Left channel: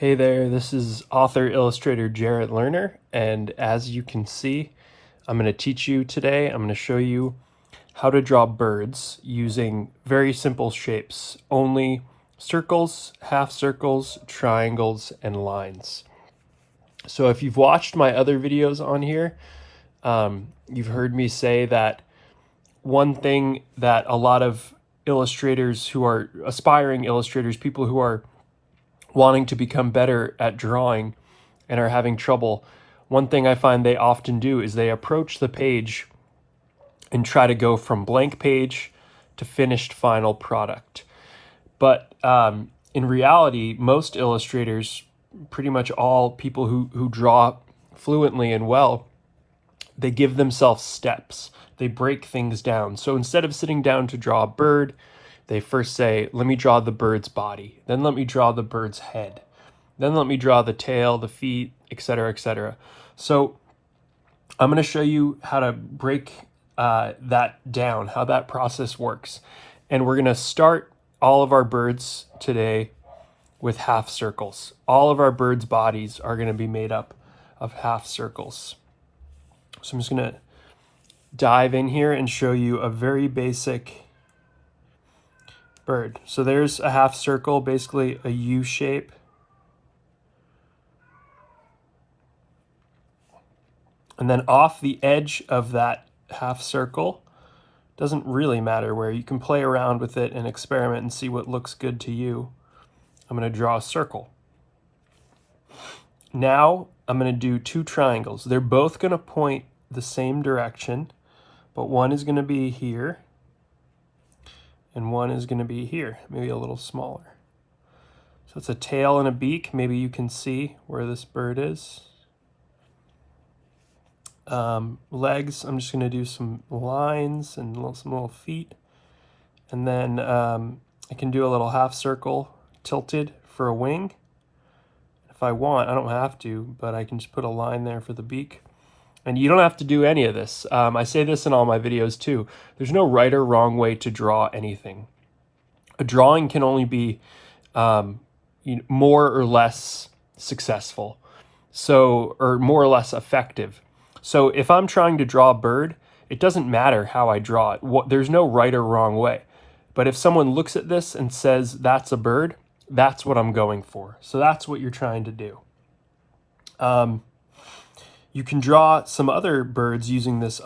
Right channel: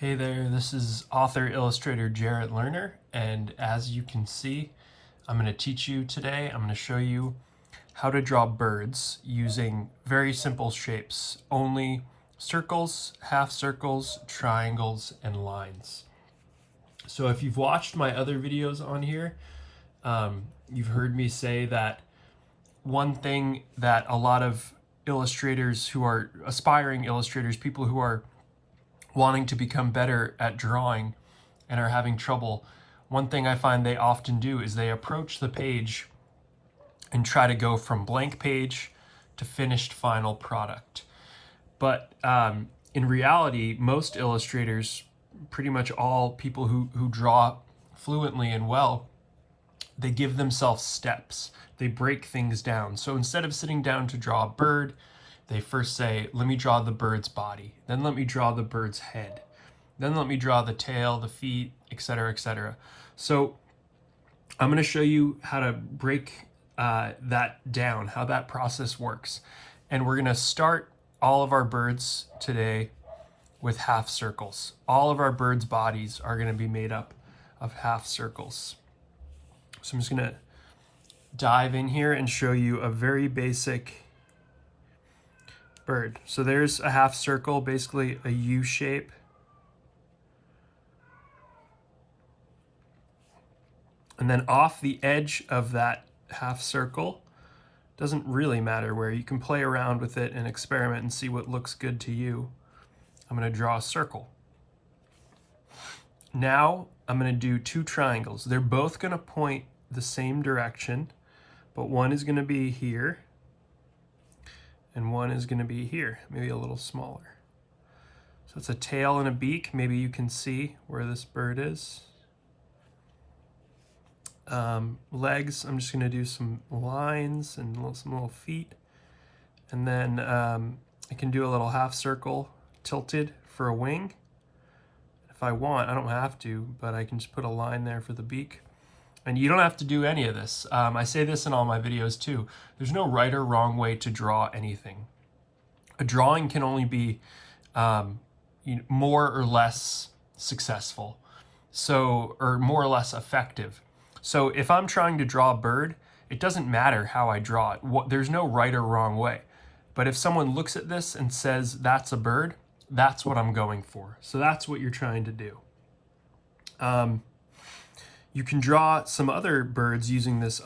Hey there, this is author illustrator Jarrett Lerner, and as you can see, I'm going to teach you today. I'm going to show you how to draw birds using very simple shapes, only circles, half circles, triangles, and lines. So if you've watched my other videos on here, you've heard me say that one thing that a lot of illustrators who are aspiring illustrators, people who are wanting to become better at drawing and are having trouble, one thing I find they often do is they approach the page and try to go from blank page to finished final product. But in reality, most illustrators, pretty much all people who draw fluently and well, they give themselves steps. They break things down. So instead of sitting down to draw a bird, they first say, let me draw the bird's body. Then let me draw the bird's head. Then let me draw the tail, the feet, etc., etc. So I'm going to show you how to break that down, how that process works. And we're going to start all of our birds today with half circles. All of our birds' bodies are going to be made up of half circles. So I'm just going to dive in here and show you a very basic bird. So there's a half circle, basically a U shape. And then off the edge of that half circle, doesn't really matter where, you can play around with it and experiment and see what looks good to you. I'm going to draw a circle. Now I'm going to do two triangles. They're both going to point the same direction, but one is going to be here and one is going to be here, maybe a little smaller. So it's a tail and a beak. Maybe you can see where this bird is. Legs, I'm just going to do some lines and some little feet. And then I can do a little half circle tilted for a wing. If I want, I don't have to, but I can just put a line there for the beak. And you don't have to do any of this. I say this in all my videos too. There's no right or wrong way to draw anything. A drawing can only be more or less successful, or more or less effective. So if I'm trying to draw a bird, it doesn't matter how I draw it. There's no right or wrong way. But if someone looks at this and says that's a bird, that's what I'm going for. So that's what you're trying to do. You can draw some other birds using this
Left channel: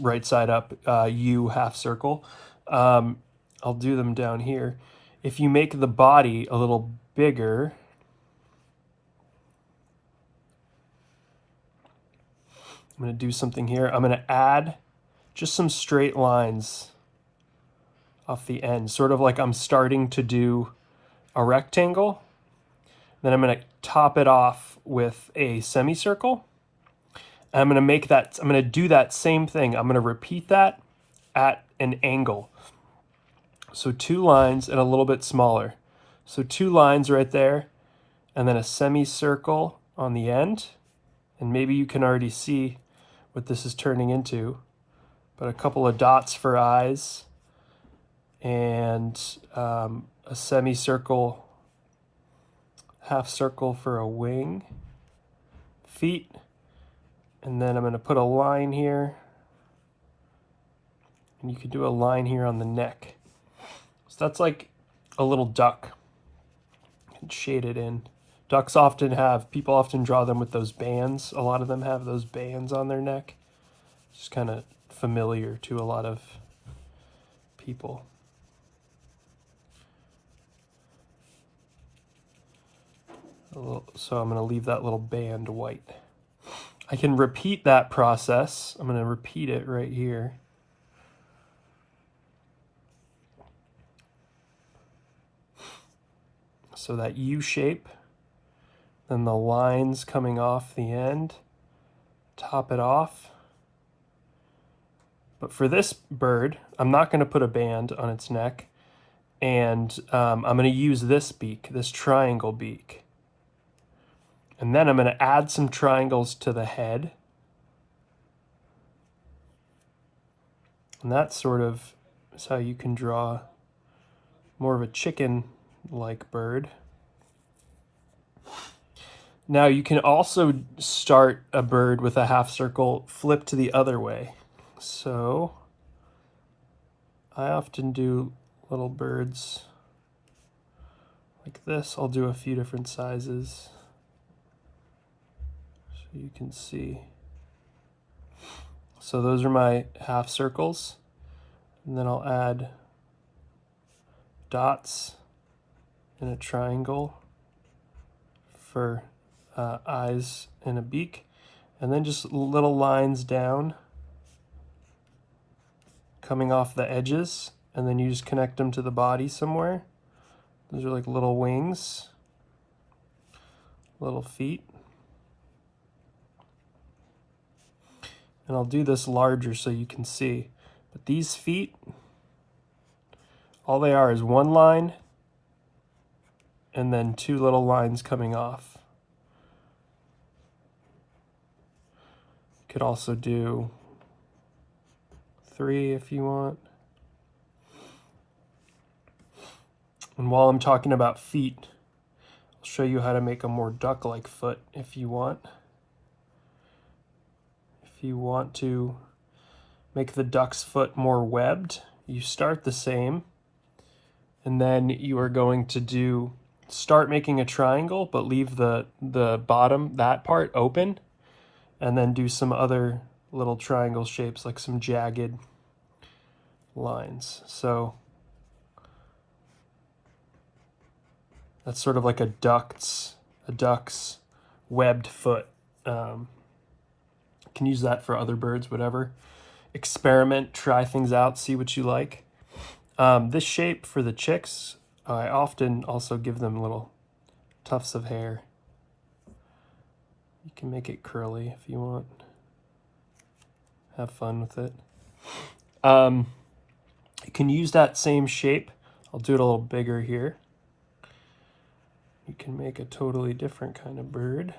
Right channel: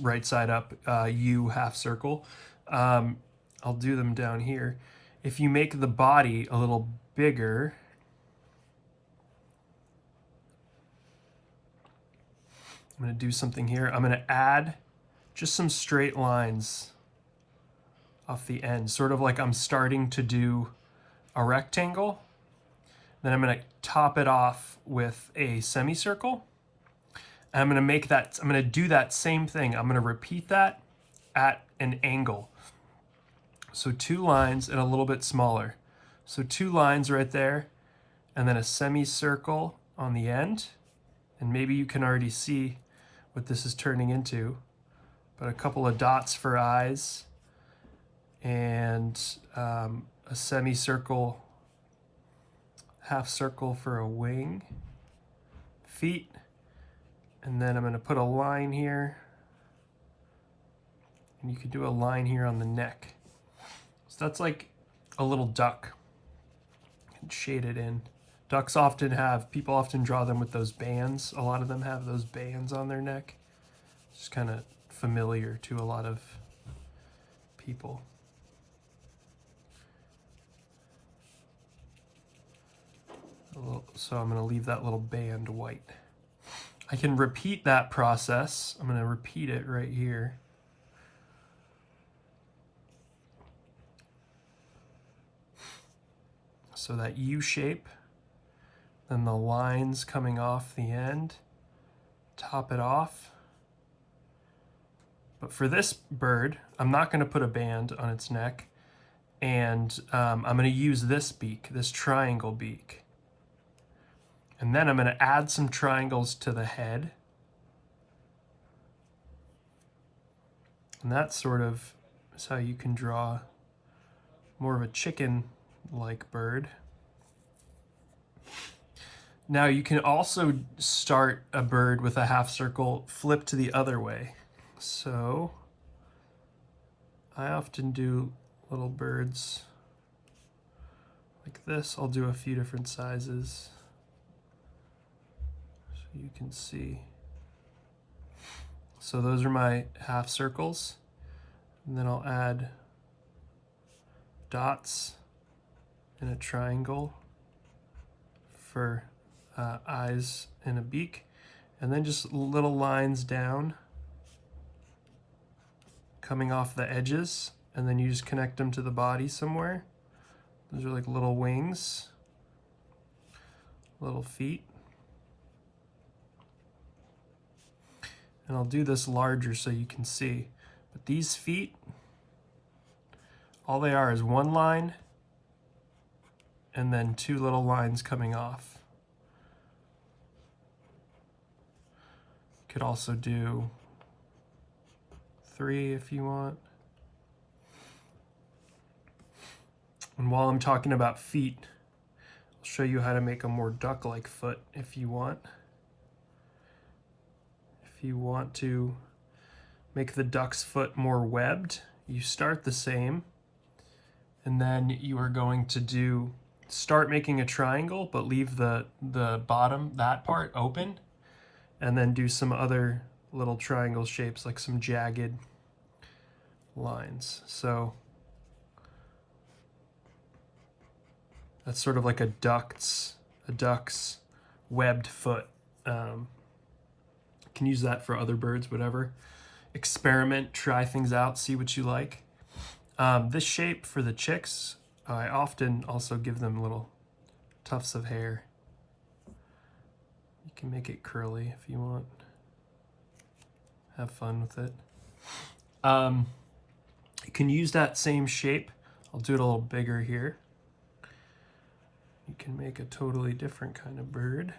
right side up U half circle. I'll do them down here. If you make the body a little bigger, I'm going to do something here. I'm going to add just some straight lines off the end, sort of like I'm starting to do a rectangle. Then I'm going to top it off with a semicircle. And I'm going to do that same thing. I'm going to repeat that at an angle. So two lines and a little bit smaller. So two lines right there, and then a semicircle on the end. And maybe you can already see what this is turning into, but a couple of dots for eyes and a semicircle, half circle for a wing, feet. And then I'm going to put a line here, and you could do a line here on the neck. So that's like a little duck. You can shade it in. Ducks people often draw them with those bands. A lot of them have those bands on their neck. It's kind of familiar to a lot of people. So I'm going to leave that little band white. I can repeat that process. I'm going to repeat it right here. So that U shape, then the lines coming off the end, top it off. But for this bird, I'm not going to put a band on its neck, and I'm going to use this beak, this triangle beak. And then I'm going to add some triangles to the head. And that sort of is how you can draw more of a chicken-like bird. Now you can also start a bird with a half circle flipped to the other way. So I often do little birds like this. I'll do a few different sizes so you can see. So those are my half circles, and then I'll add dots and a triangle for eyes and a beak, and then just little lines down coming off the edges, and then you just connect them to the body somewhere. Those are like little wings, little feet. And I'll do this larger so you can see. But these feet, all they are is one line and then two little lines coming off. You could also do 3 if you want. And while I'm talking about feet, I'll show you how to make a more duck-like foot if you want. If you want to make the duck's foot more webbed, you start the same, and then you are going to start making a triangle, but leave the bottom, that part, open, and then do some other little triangle shapes, like some jagged lines. So that's sort of like a duck's webbed foot. Can use that for other birds, whatever. Experiment, try things out, see what you like. This shape for the chicks, I often also give them little tufts of hair. You can make it curly if you want. Have fun with it. You can use that same shape. I'll do it a little bigger here. You can make a totally different kind of bird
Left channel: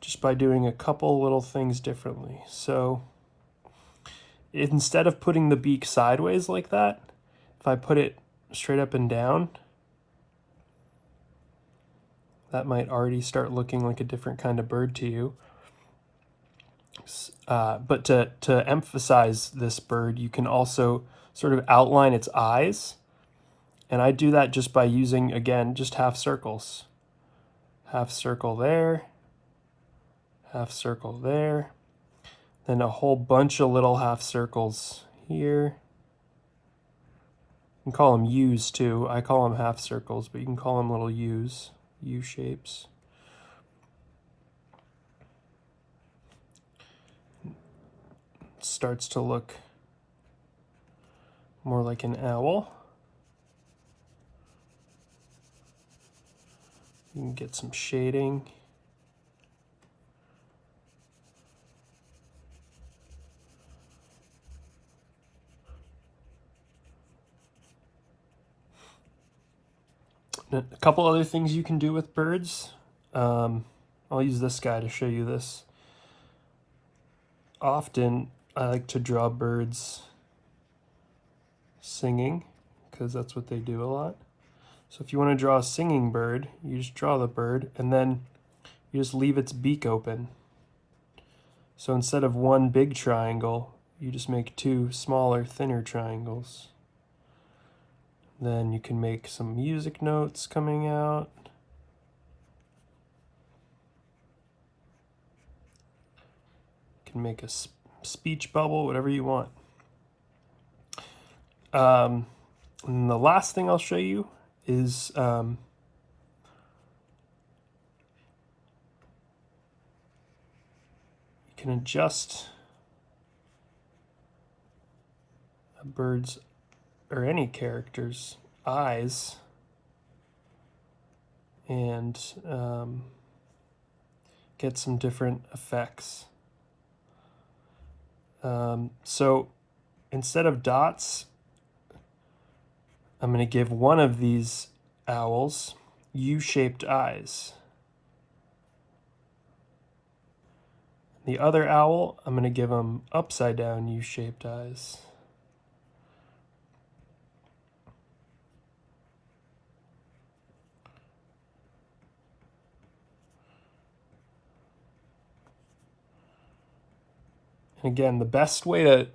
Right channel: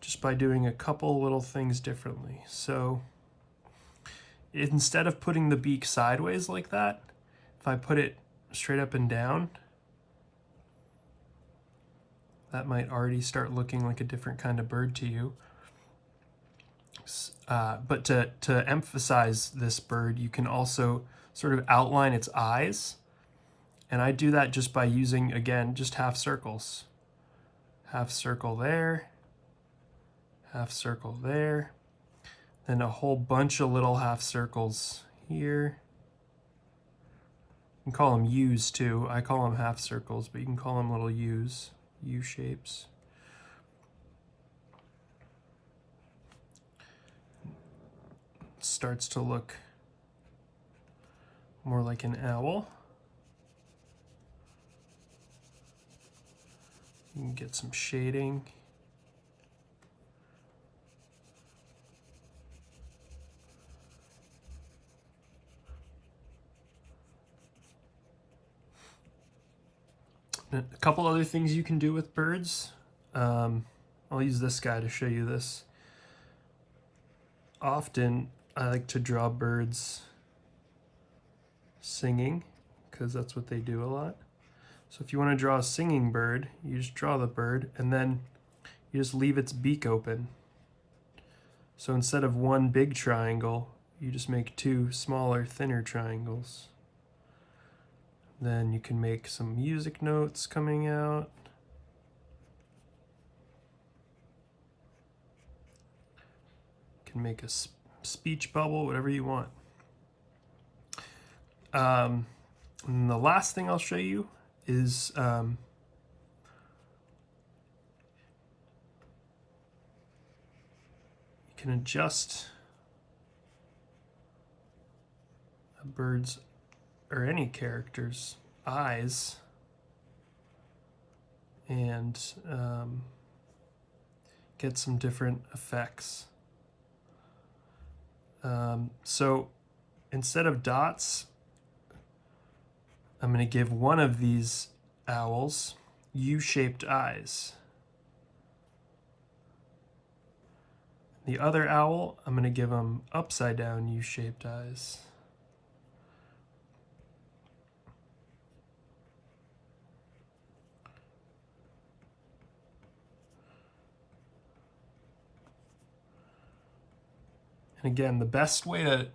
just by doing a couple little things differently. So instead of putting the beak sideways like that, if I put it straight up and down, that might already start looking like a different kind of bird to you. But to emphasize this bird, you can also sort of outline its eyes. And I do that just by using, again, just half circles. Half circle there, half circle there, then a whole bunch of little half circles here. You can call them U's too. I call them half circles, but you can call them little U's, U shapes. It starts to look more like an owl. You can get some shading. A couple other things you can do with birds. I'll use this guy to show you this. Often I like to draw birds singing because that's what they do a lot. So if you want to draw a singing bird, you just draw the bird and then you just leave its beak open. So instead of one big triangle, you just make 2 smaller, thinner triangles. Then you can make some music notes coming out. You can make a speech bubble, whatever you want. And the last thing I'll show you is you can adjust a bird's or any character's eyes and get some different effects. So instead of dots, I'm going to give one of these owls U-shaped eyes. The other owl, I'm going to give him upside down U-shaped eyes. And again, the best way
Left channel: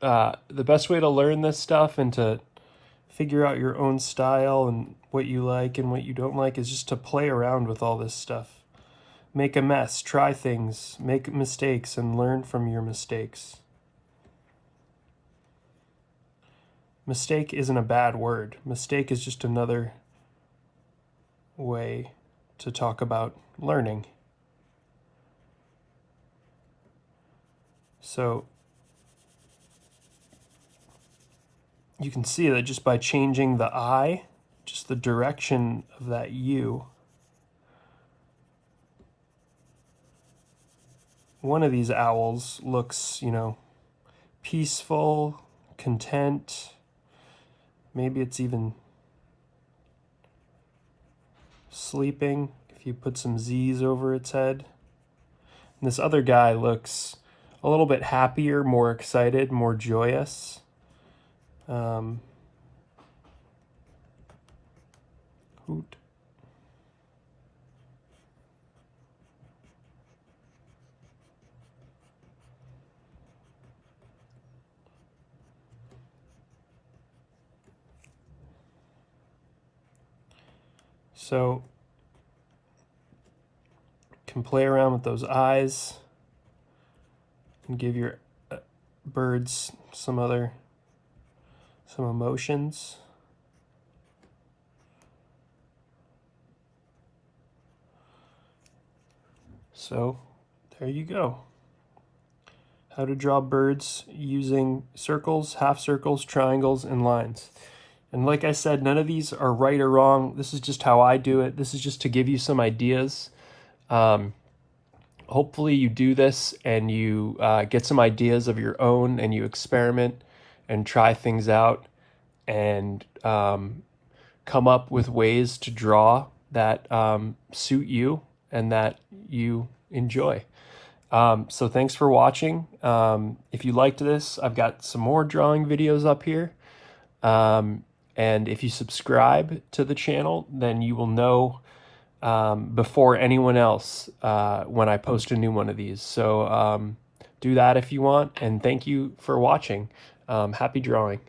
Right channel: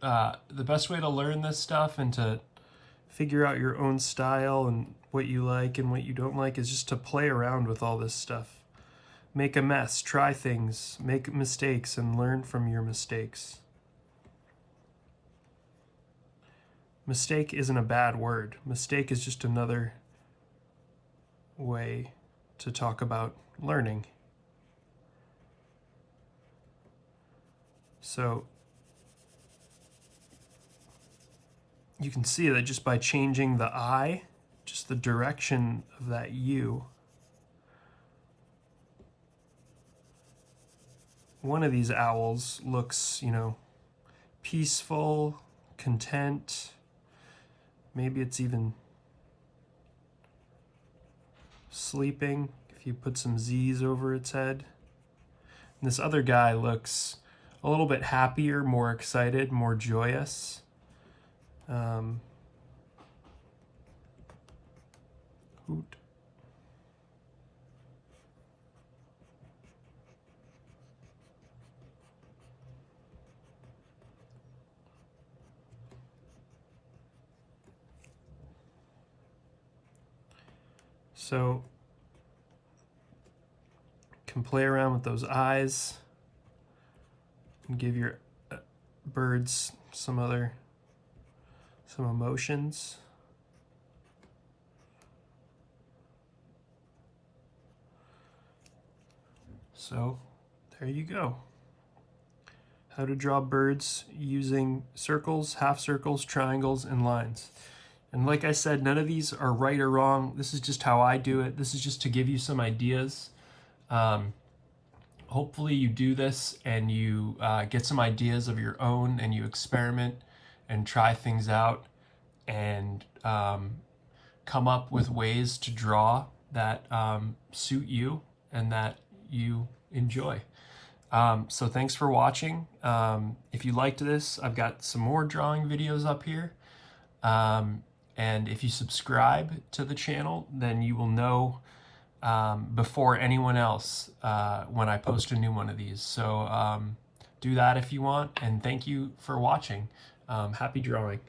to learn this stuff and to figure out your own style and what you like and what you don't like is just to play around with all this stuff. Make a mess, try things, make mistakes, and learn from your mistakes. Mistake isn't a bad word. Mistake is just another way to talk about learning. So you can see that just by changing the I, just the direction of that U, one of these owls looks, peaceful, content. Maybe it's even sleeping if you put some Z's over its head. And this other guy looks a little bit happier, more excited, more joyous. Hoot. So you can play around with those eyes and give your birds some emotions. So there you go. How to draw birds using circles, half circles, triangles, and lines. And like I said, none of these are right or wrong. This is just how I do it. This is just to give you some ideas. Hopefully you do this and you get some ideas of your own and you experiment and try things out and come up with ways to draw that suit you and that you enjoy. So thanks for watching. If you liked this, I've got some more drawing videos up here. And if you subscribe to the channel, then you will know before anyone else when I post a new one of these. So do that if you want, and thank you for watching. Happy drawing.